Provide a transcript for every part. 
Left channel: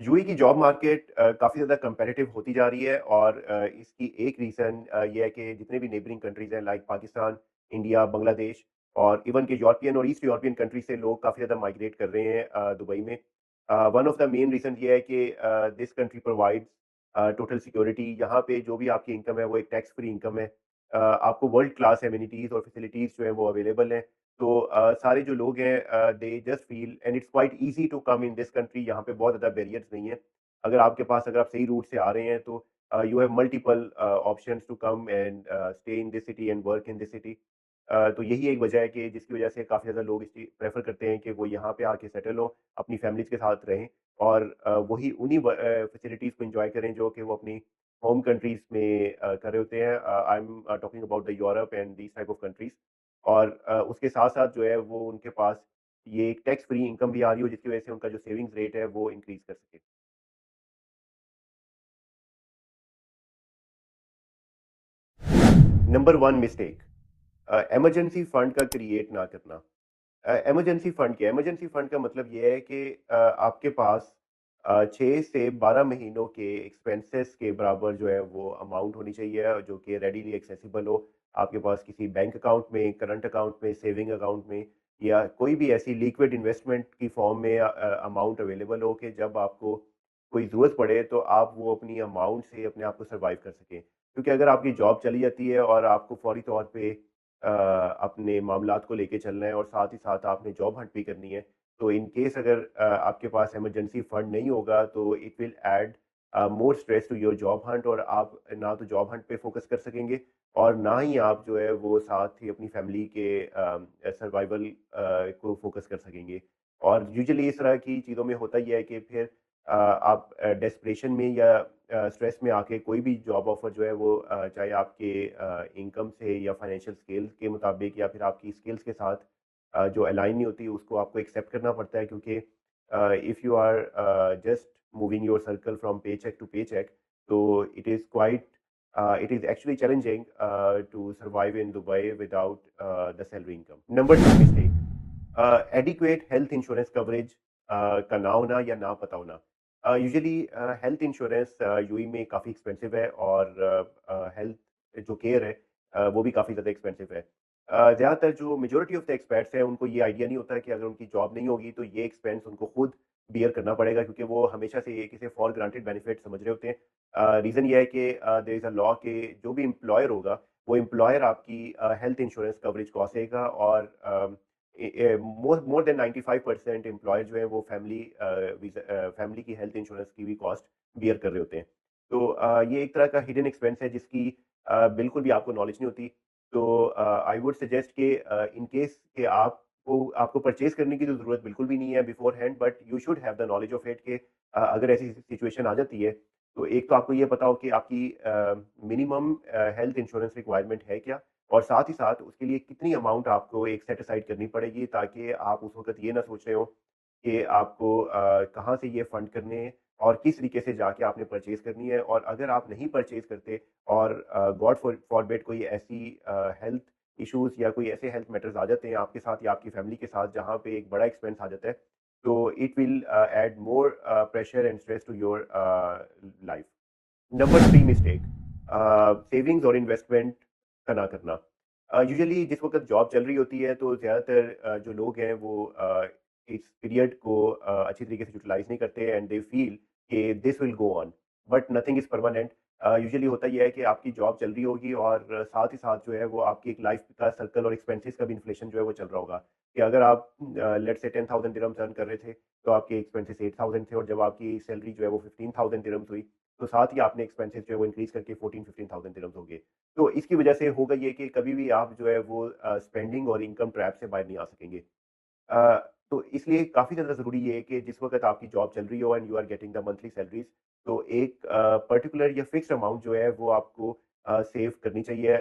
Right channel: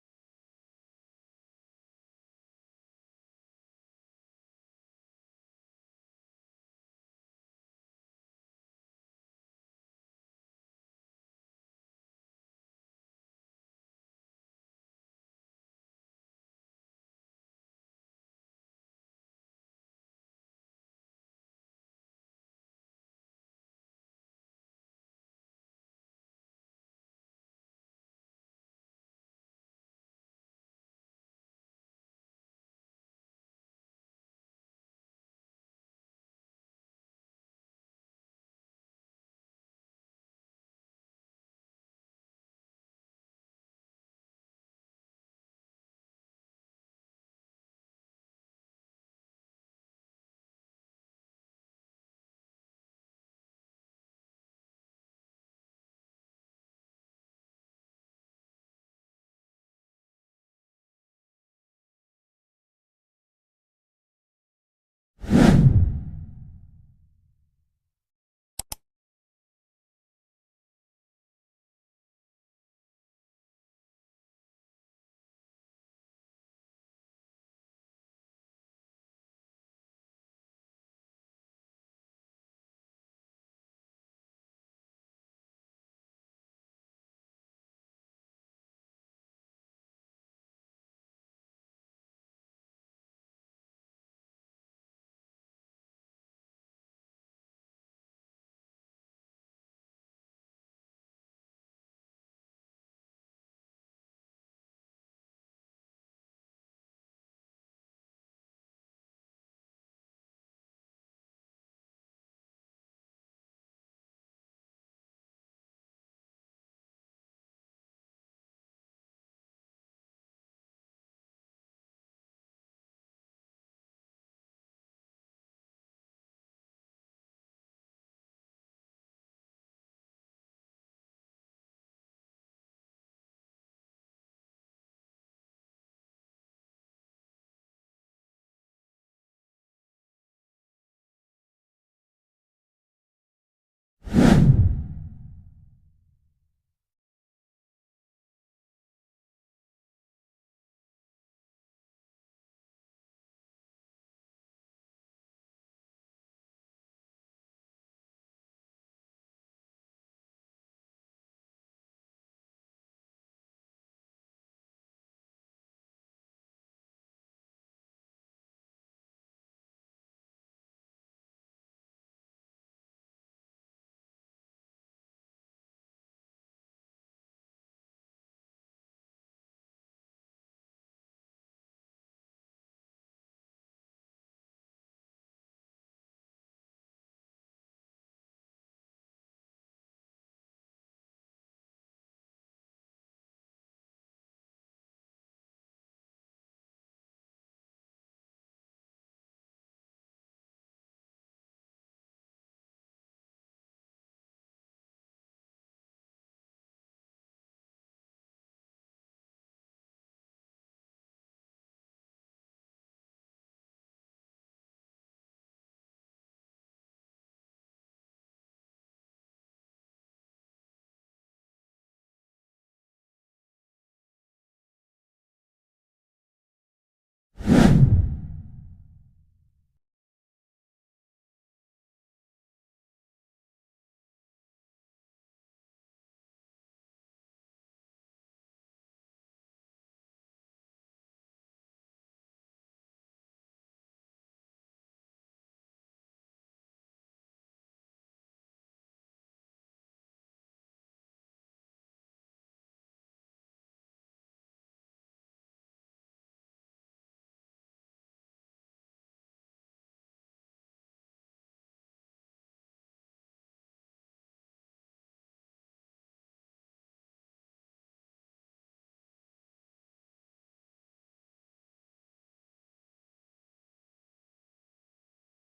UAE की job market काफ़ी ज़्यादा कम्पेटिटिव होती जा रही है और इसकी एक रीज़न ये है कि जितने भी नेबरिंग कंट्रीज़ हैं लाइक पाकिस्तान, इंडिया, बांग्लादेश और इवन के यूरोपियन और ईस्ट यूरोपियन कंट्री से लोग काफ़ी ज़्यादा माइग्रेट कर रहे हैं दुबई में। One of the main reason ये है कि this country provides total security. यहाँ पे जो भी आपकी इनकम है वो एक टैक्स फ्री इनकम है। आपको वर्ल्ड क्लास एमिनिटीज़ और फैसिलिटीज़ जो है वो अवेलेबल हैं। तो सारे जो लोग हैं they just feel and it's quite easy to come in this country. यहाँ पे बहुत ज़्यादा बैरियर्स नहीं है। अगर आप सही रूट से आ रहे हैं तो you have multiple options to come and stay in this city and work in this city. तो यही एक वजह है कि जिसकी वजह से काफ़ी ज़्यादा लोग इस प्रेफ़र करते हैं कि वो यहाँ पे आके सेटल हों, अपनी फैमिलीज़ के साथ रहें और वही उन्हीं फैसिलिटीज़ को एन्जॉय करें जो कि वो अपनी होम कंट्रीज़ में कर रहे होते हैं। I am talking about the Europe and these type of countries. और उसके साथ-साथ जो है वो उनके पास ये एक टैक्स फ्री इनकम भी आ रही हो जिसकी वजह से उनका जो सेविंग्स रेट है वो इंक्रीज़ कर सके। नंबर 1 मिस्टेक इमरजेंसी फंड का क्रिएट ना करना। इमरजेंसी फंड क्या है? इमरजेंसी फंड का मतलब ये है कि आपके पास 6 से 12 महीनों के एक्सपेंसेस के बराबर जो है वो अमाउंट होनी चाहिए जो कि रेडीली एक्सेसिबल हो। आपके पास किसी बैंक अकाउंट में, करंट अकाउंट में, सेविंग अकाउंट में या कोई भी ऐसी लिक्विड इन्वेस्टमेंट की फॉर्म में अमाउंट अवेलेबल हो कि जब आपको कोई ज़रूरत पड़े तो आप वो अपनी अमाउंट से अपने आप को सर्वाइव कर सकें। क्योंकि अगर आपकी जॉब चली जाती है और आपको फौरी तौर पे अपने मामलात को लेके चलना है और साथ ही साथ आपने जॉब हंट भी करनी है। तो इन केस अगर आपके पास इमरजेंसी फंड नहीं होगा तो it will add more stress to your job hunt और आप ना तो जॉब हंट पे फोकस कर सकेंगे और ना ही आप जो है वो साथ ही अपनी फैमिली के सर्वाइवल को फोकस कर सकेंगे। और यूजुअली इस तरह की चीज़ों में होता ही है कि फिर आप डेस्परेशन में या स्ट्रेस में आके कोई भी जॉब ऑफर जो है वो चाहे आपके इनकम से या फाइनेंशियल स्किल्स के मुताबिक या फिर आपकी स्किल्स के साथ जो अलाइन नहीं होती उसको आपको एक्सेप्ट करना पड़ता है क्योंकि if you are just moving your circle from pay cheque to pay cheque तो it is actually challenging to survive in Dubai without the salary income. Number 2 mistake adequate health insurance coverage का ना होना या ना पता होना। Usually health insurance UAE में काफ़ी एक्सपेंसिव है और हेल्थ जो केयर है वो भी काफ़ी ज़्यादा एक्सपेंसिव है। ज़्यादातर जो मेजॉरिटी ऑफ द एक्सपर्ट्स हैं उनको ये आइडिया नहीं होता है कि अगर उनकी जॉब नहीं होगी तो ये एक्सपेंस उनको खुद बियर करना पड़ेगा क्योंकि वो हमेशा से एक इसे फॉर ग्रांटेड बेनिफिट समझ रहे होते हैं। रीज़न ये है कि देयर इज़ अ लॉ कि जो भी एम्प्लॉयर होगा वो एम्प्लॉयर आपकी हेल्थ इंश्योरेंस कवरेज कॉसेगा और मोर मोर देन 95% एम्प्लॉयर जो है वो फैमिली की हेल्थ इंश्योरेंस की भी कॉस्ट बियर कर रहे होते हैं। तो ये एक तरह का हिडन एक्सपेंस है जिसकी बिल्कुल भी आपको नॉलेज नहीं होती। तो आई वुड सजेस्ट कि इन केस कि आपको परचेज़ करने की तो ज़रूरत बिल्कुल भी नहीं है beforehand but you should have the knowledge of it कि अगर ऐसी सिचुएशन आ जाती है, तो एक तो आपको ये पता हो कि आपकी मिनिमम हेल्थ इंश्योरेंस रिक्वायरमेंट है क्या? और साथ ही साथ उसके लिए कितनी अमाउंट आपको एक सेट असाइड करनी पड़ेगी ताकि आप उस वक़्त ये ना सोच रहे हो कि आपको कहाँ से ये फंड करने हैं और किस तरीके से जाके आपने परचेज़ करनी है और अगर आप नहीं परचेज़ करते और गॉड फॉरबिड कोई ऐसी हेल्थ इश्यूज़ या कोई ऐसे हेल्थ मैटर्स आ जाते हैं आपके साथ या आपकी फैमिली के साथ जहाँ पे एक बड़ा एक्सपेंस आ जाता है, तो it will add more pressure and stress to your life. Number 3 mistake savings और इन्वेस्टमेंट का ना करना। यूजुअली जिस वक़्त जॉब चल रही होती है तो ज़्यादातर जो लोग हैं वो इस पीरियड को अच्छी तरीके से यूटिलाइज़ नहीं करते एंड दे फील कि this will go on but nothing is permanent. Usually होता ये है कि आपकी जॉब चल रही होगी और साथ ही साथ जो है वो आपकी एक लाइफ़ का सर्कल और एक्सपेंसेस का भी इन्फ्लेशन जो है वो चल रहा होगा। कि अगर आप लेट्स से 10,000 दिरहम्स अर्न कर रहे थे, तो आपके एक्सपेंसेस 8,000 थे और जब आपकी सैलरी जो है वो 15,000 दिरहम्स हुई, तो साथ ही आपने एक्सपेंसेस जो है वो इंक्रीज़ करके 14-15,000 दिरहम्स हो गए। तो इसकी वजह से होगा ये कि कभी भी आप जो है वो स्पेंडिंग और इनकम ट्रैप से बाहर नहीं आ सकेंगे। तो इसलिए काफ़ी ज़्यादा ज़रूरी ये है कि जिस वक़्त आपकी जॉब चल रही हो and you are getting the monthly salaries, तो एक पर्टिकुलर या फिक्स्ड अमाउंट जो है वो आपको सेव करनी चाहिए।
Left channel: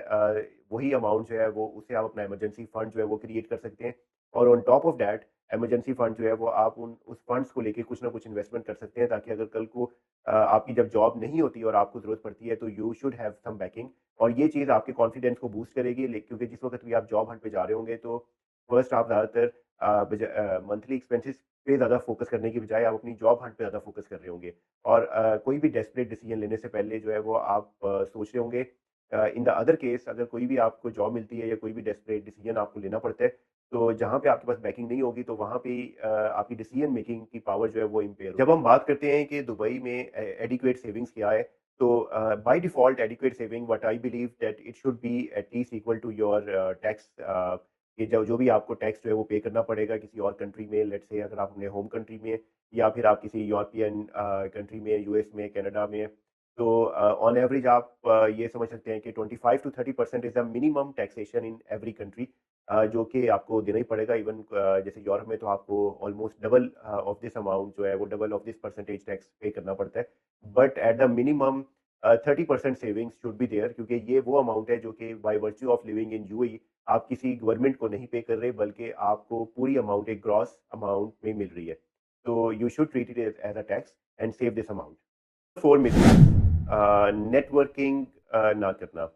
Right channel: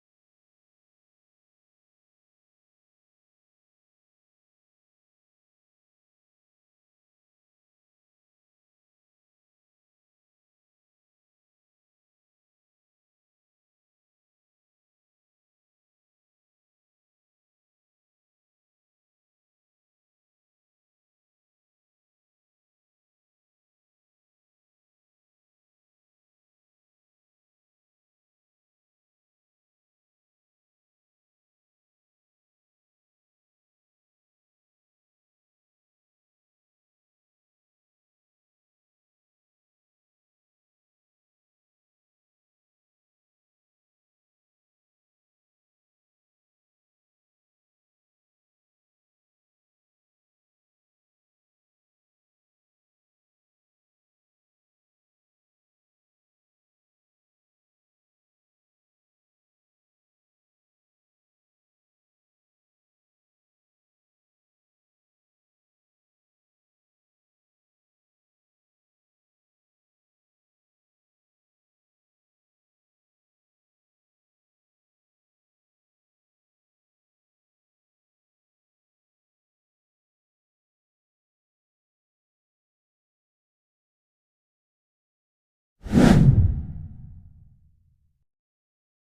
वही अमाउंट जो है वो उससे आप अपना इमरजेंसी फंड जो है वो क्रिएट कर सकते हैं और on top of that emergency fund जो है वो आप उन उस फंड्स को लेके कुछ ना कुछ इन्वेस्टमेंट कर सकते हैं ताकि अगर कल को आपकी जब जॉब नहीं होती और आपको ज़रूरत पड़ती है तो you should have some backing और ये चीज़ आपके कॉन्फिडेंस को बूस्ट करेगी क्योंकि जिस वक़्त भी आप जॉब हंट पे जा रहे होंगे तो फर्स्ट आप ज़्यादातर मंथली एक्सपेंसेस पे ज़्यादा फ़ोकस करने की बजाय आप अपनी जॉब हंट पे ज़्यादा फ़ोकस कर रहे होंगे। और कोई भी डेस्परेट डिसीज़न लेने से पहले जो है वो आप सोच रहे होंगे इन द अदर केस अगर कोई भी आपको जॉब मिलती है या कोई भी डेस्परेट डिसीज़न आपको लेना पड़ता है, तो जहाँ पे आपके पास बैकिंग नहीं होगी तो वहाँ पे आपकी डिसीज़न मेकिंग की पावर जो है वो इम्पेयर जब हम बात करते हैं कि दुबई में एडिक्वेट सेविंग्स क्या है, तो by default adequate saving what I believe that it should be at least equal to your tax कि जो जो भी आपको टैक्स जो है वो पे करना पड़ेगा किसी और कंट्री में, लेट्स से अगर आप अपने होम कंट्री में या फिर आप किसी यूरोपियन कंट्री में, यूएस में, कनाडा में, तो ऑन एवरेज आप ये समझ सकते हैं कि 25 to 30% is the minimum taxation in every country, जो कि आपको देना ही पड़ेगा। इवन जैसे यूरोप में तो आपको almost double of this amount जो है वो double of this percentage tax पे करना पड़ता है। But at the minimum 30% savings should be there, क्योंकि ये वो अमाउंट है जो कि by virtue of living in UAE आप किसी गवर्नमेंट को नहीं पे कर रहे, बल्कि आपको पूरी अमाउंट एक ग्रॉस अमाउंट में मिल रही है। तो you should treat it as a tax and save this amount. 4 mistake networking ना करना।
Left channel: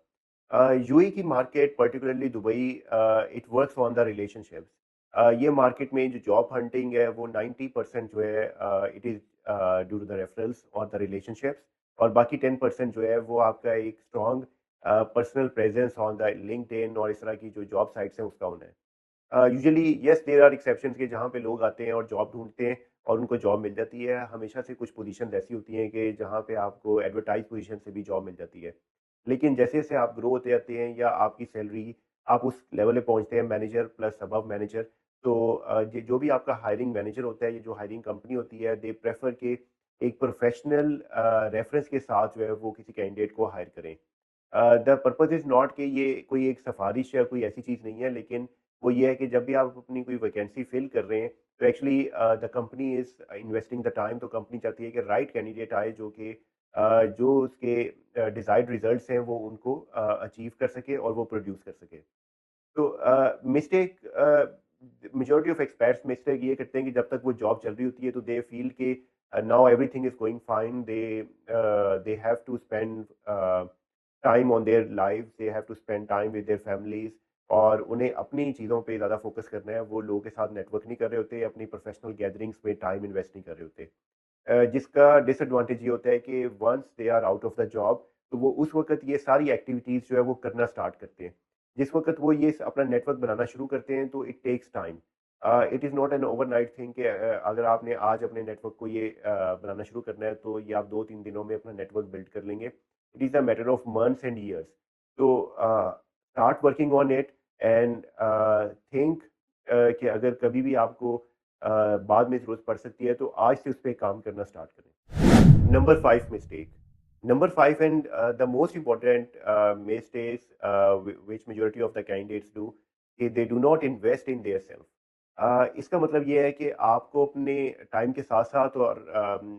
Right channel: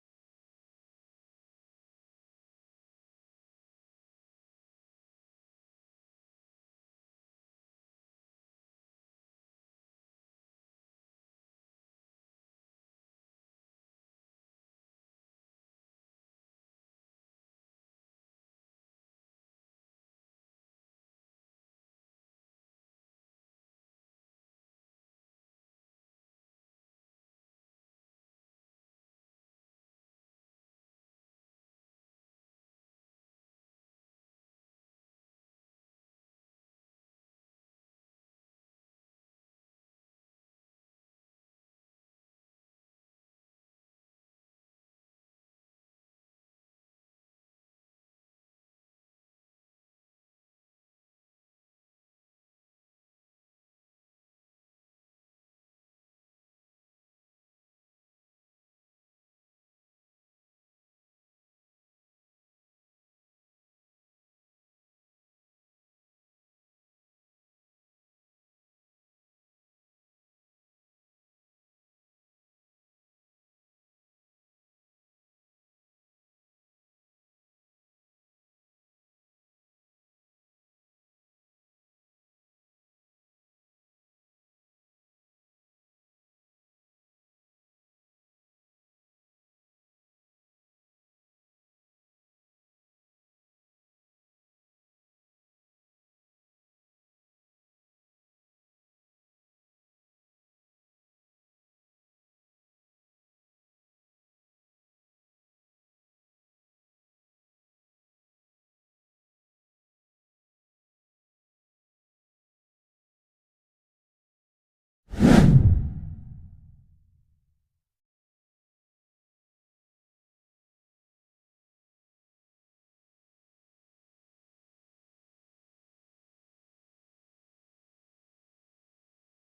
यूएई की market particularly Dubai, it works on the relationships. ये मार्केट में जो जॉब हंटिंग है वो 90% जो है it is due to the referrals और द रिलेशनशिप्स, और बाकी 10% जो है वो आपका एक strong personal presence on the LinkedIn और इस तरह की जो जॉब साइट्स हैं उसका होना है। Usually yes there are exceptions के जहाँ पे लोग आते हैं और जॉब ढूँढते हैं और उनको जॉब मिल जाती है। हमेशा से कुछ पोजीशंस ऐसी होती हैं कि जहाँ पे आपको एडवर्टाइज़ पोजीशन से भी जॉब मिल जाती है। लेकिन जैसे-जैसे आप ग्रो होते जाते हैं या आपकी सैलरी आप उस लेवल पे पहुँचते हैं मैनेजर प्लस अबव मैनेजर, तो ज जो भी आपका हायरिंग मैनेजर होता है, ये जो हायरिंग कंपनी होती है, दे प्रेफर कि एक प्रोफेशनल रेफरेंस के साथ जो है वो किसी कैंडिडेट को हायर करें। द पर्पज़ इज़ नॉट कि ये कोई एक सिफ़ारिश या कोई ऐसी चीज़ नहीं है, लेकिन वो ये है कि जब भी आप अपनी कोई वैकेंसी फ़िल कर रहे हैं, तो actually the company is investing the time, तो कंपनी चाहती है कि राइट कैंडिडेट आए जो कि जो उसके डिज़ायर्ड रिज़ल्ट्स हैं वो उनको अचीव कर सके और वो प्रोड्यूस कर सके। तो mistake majority of experts mistake ये करते हैं कि जब तक वो जॉब चल रही होती है तो दे फील कि now everything is going fine, they have to spend time on their life, they have to spend time with their families, और उन्हें अपनी चीज़ों पे ज़्यादा फोकस करना है। वो लोगों के साथ नेटवर्क नहीं कर रहे होते, अपनी प्रोफेशनल गैदरिंग्स में टाइम इन्वेस्ट नहीं कर रहे होते। जिसका डिसएडवांटेज ये होता है कि once they are out of the job, तो वो उस वक़्त ये सारी एक्टिविटीज़ जो है वो करना स्टार्ट करते हैं। जिस वक़्त वो ये अपना नेटवर्क बनाना शुरू करते हैं तो it takes time. It is not an overnight thing कि अगर आपने आज अपने नेटवर्क को ये बनाना शुरू करना है तो ये आप 2-3 दिनों में अपना नेटवर्क बिल्ड कर लेंगे। It is a matter of months and years. तो start working on it and think कि अगर कभी भी आपको बाद में ज़रूरत पड़ सकती है तो आज से उस पे काम करना स्टार्ट करें। Number 5 mistake. Number 5 and the most important mistakes which majority of the candidates do, कि they do not invest in their self. इसका मतलब ये है कि आपको अपने टाइम के साथ-साथ और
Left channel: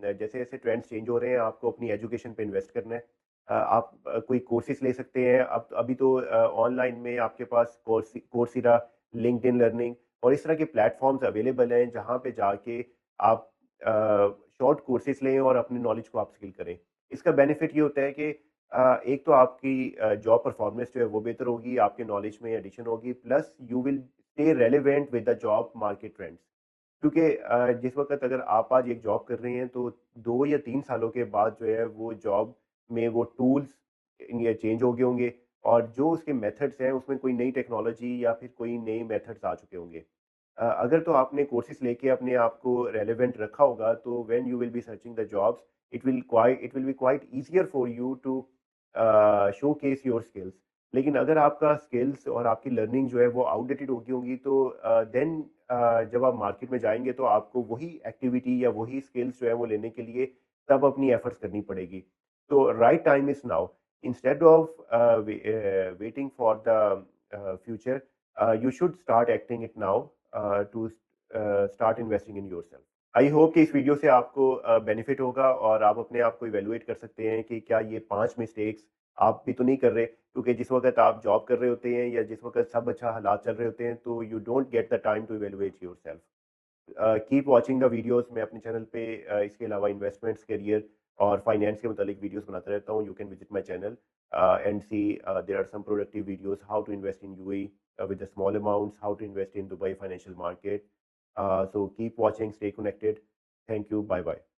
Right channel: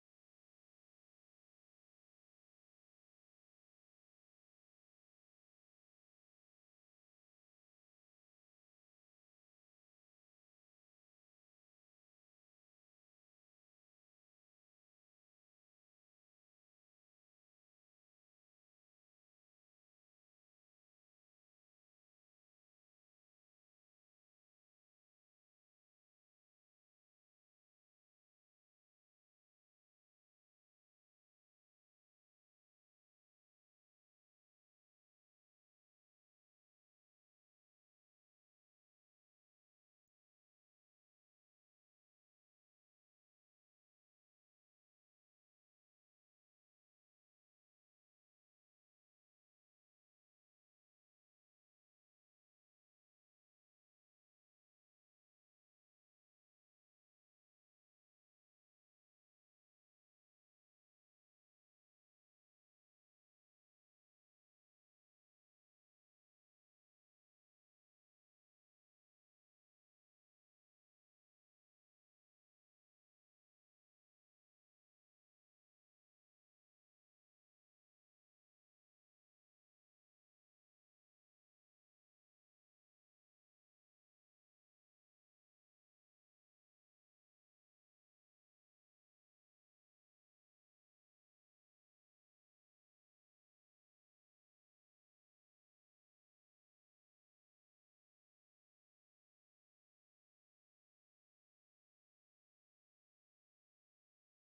जैसे-जैसे ट्रेंड्स चेंज हो रहे हैं, आपको अपनी एजुकेशन पे इन्वेस्ट करना है। आप कोई कोर्सेज़ ले सकते हैं। अब अभी तो ऑनलाइन में आपके पास कोर्सेरा, लिंक्डइन लर्निंग और इस तरह के प्लेटफ़ॉर्म्स अवेलेबल हैं, जहाँ पे जाके आप शॉर्ट कोर्सेज़ लें और अपनी नॉलेज को अपस्किल करें। इसका बेनिफिट ये होता है कि एक तो आपकी जॉब परफॉर्मेंस जो है वो बेहतर होगी, आपके नॉलेज में एडिशन होगी, plus you will stay relevant with the job market trends. क्योंकि जिस वक़्त अगर आप आज एक जॉब कर रहे हैं तो 2 या 3 सालों के बाद जो है वो जॉब में वो टूल्स ये चेंज हो गए होंगे, और जो उसके मेथड्स हैं उसमें कोई नई टेक्नोलॉजी या फिर कोई नए मेथड्स आ चुके होंगे। अगर तो आपने कोर्सेज़ लेके अपने आप को रेलेवेंट रखा होगा तो when you will be searching the jobs, it will be quite easier for you to showcase your skills. लेकिन अगर आपका स्किल्स और आपकी लर्निंग जो है वो आउटडेटेड हो गई होंगी, तो देन जब आप मार्केट में जाएँगे तो आपको वही एक्टिविटी या वही स्किल्स जो है वो लेने के लिए तब अपनी एफर्ट्स करनी पड़ेगी। तो right time is now. Instead of waiting for the future, you should start acting it now to start investing in yourself. I hope कि इस वीडियो से आपको बेनिफिट होगा और आप अपने आप को इवेलुएट कर सकते हैं कि क्या ये 5 मिस्टेक्स आप भी तो नहीं कर रहे, क्योंकि जिस वक़्त आप जॉब कर रहे होते हैं या जिस वक़्त सब अच्छा हालात चल रहे होते हैं, तो you don't get the time to evaluate yourself. Keep watching the videos. मैं अपने चैनल पे इसके अलावा इन्वेस्टमेंट्स, करियर और फाइनेंस के मुतालिक वीडियोस बनाता रहता हूँ। You can visit my channel. and see there are some productive videos how to invest in UAE with the small amounts, how to invest in Dubai financial market. So keep watching, stay connected. Thank you. Bye bye.